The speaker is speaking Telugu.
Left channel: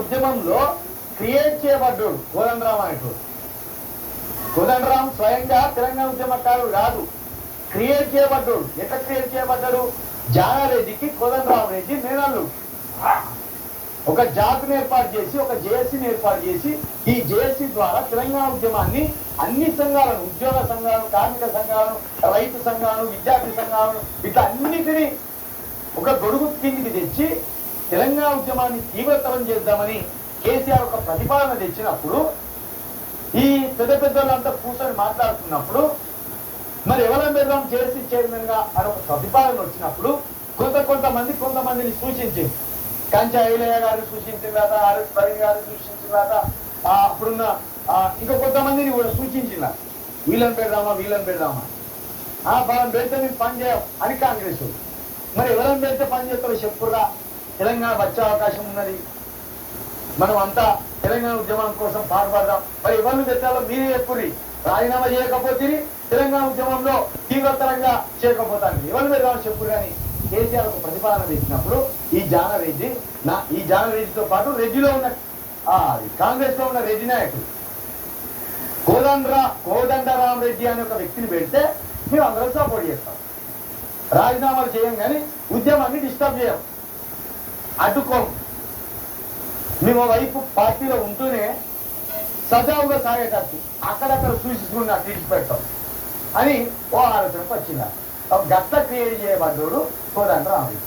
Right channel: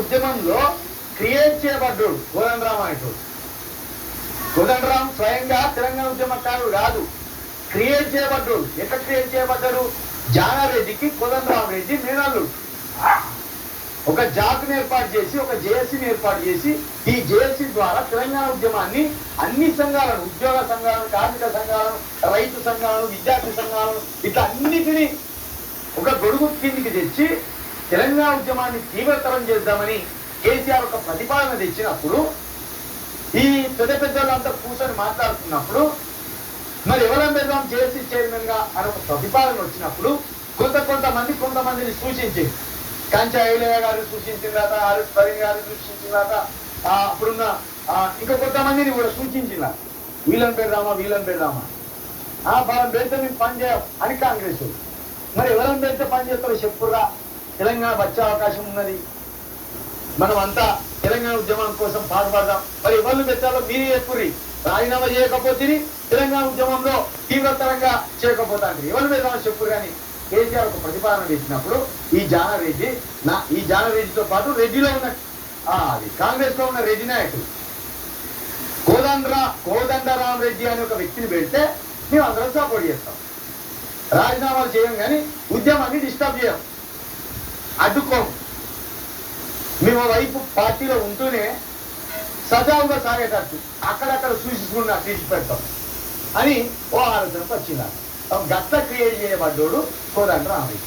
ఉద్యమంలో క్రియేట్ చేయబడ్డాడు కోదండరాం అనేటోడు. కోదండరాం స్వయంగా తెలంగాణ ఉద్యమకారుడు కాదు, క్రియేట్ చేయబడ్డాడు. ఎట్లా క్రియేట్ చేయబడ్డాడు? జానారెడ్డికి కోదండరాం రెడ్డి మేనల్లుడు. ఒక జాతిని ఏర్పాటు చేసి, ఒక జేఏసీని ఏర్పాటు చేసి, ఈ జేఏసీ ద్వారా తెలంగాణ ఉద్యమాన్ని అన్ని సంఘాలను, ఉద్యోగ సంఘాలను, కార్మిక సంఘాలను, రైతు సంఘాలను, విద్యార్థి సంఘాలను, ఇట్లా అన్నిటినీ ఒక గొడుగు కిందికి తెచ్చి తెలంగాణ ఉద్యమాన్ని తీవ్రతరం చేద్దామని కేసీఆర్ ఒక ప్రతిపాదన తెచ్చినప్పుడు, ఈ పెద్ద పెద్దలంతా కూర్చొని మాట్లాడుతున్నప్పుడు, మరి ఎవరం పెద్దాం జేఏసీ చైర్మన్ గా అని ఒక ప్రతిపాదన వచ్చినప్పుడు కొంతమందిని సూచించింది. కాంచా ఐలయ్య గారు సూచించిన తర్వాత, ఆర్ఎస్ పరీన్ గారు సూచించిన తర్వాత, అప్పుడున్న ఇంకా కొంతమందిని కూడా సూచించినారు. వీళ్ళని పెడదామా మనం పెడితే మేము పని చేయం అని కాంగ్రెస్. మరి ఎవరం పెడితే పని చేస్తారో చెప్పురా. తెలంగాణ వచ్చే అవకాశం ఉన్నది, మనం అంతా తెలంగాణ ఉద్యమం కోసం పాటుపడదాం. మరి ఎవరిని పెట్టాలో మీరే చెప్పుర్రి. రాజీనామా చేయకపోతే తెలంగాణ ఉద్యమంలో తీవ్రతరంగా చేయకపోతాను, ఎవరు పెడదామని చెప్పురు. కానీ కేసీఆర్ ఒక ప్రతిపాదన పెట్టినప్పుడు ఈ జానారెడ్డితో పాటు రెడ్డిలో ఉన్న అది కాంగ్రెస్ లో ఉన్న రెడ్డి నాయకుడు కోదండరాం రెడ్డి అనే ఒక వ్యక్తిని పెడితే మేము అందరం సపోర్ట్ చేస్తాం. రాజీనామాలు చేయం కానీ ఉద్యమాన్ని డిస్టర్బ్ చేయం, అడ్డుకోం. మేము వైపు పార్టీలో ఉంటూనే సజావుగా సాగేటట్టు అక్కడక్కడ చూసుకున్నా తీర్చిపెడతాం అని ఓ ఆలోచనకు వచ్చింది. గట్ల క్రియేట్ చేయబడ్డాడు కోదండరాం రెడ్డి.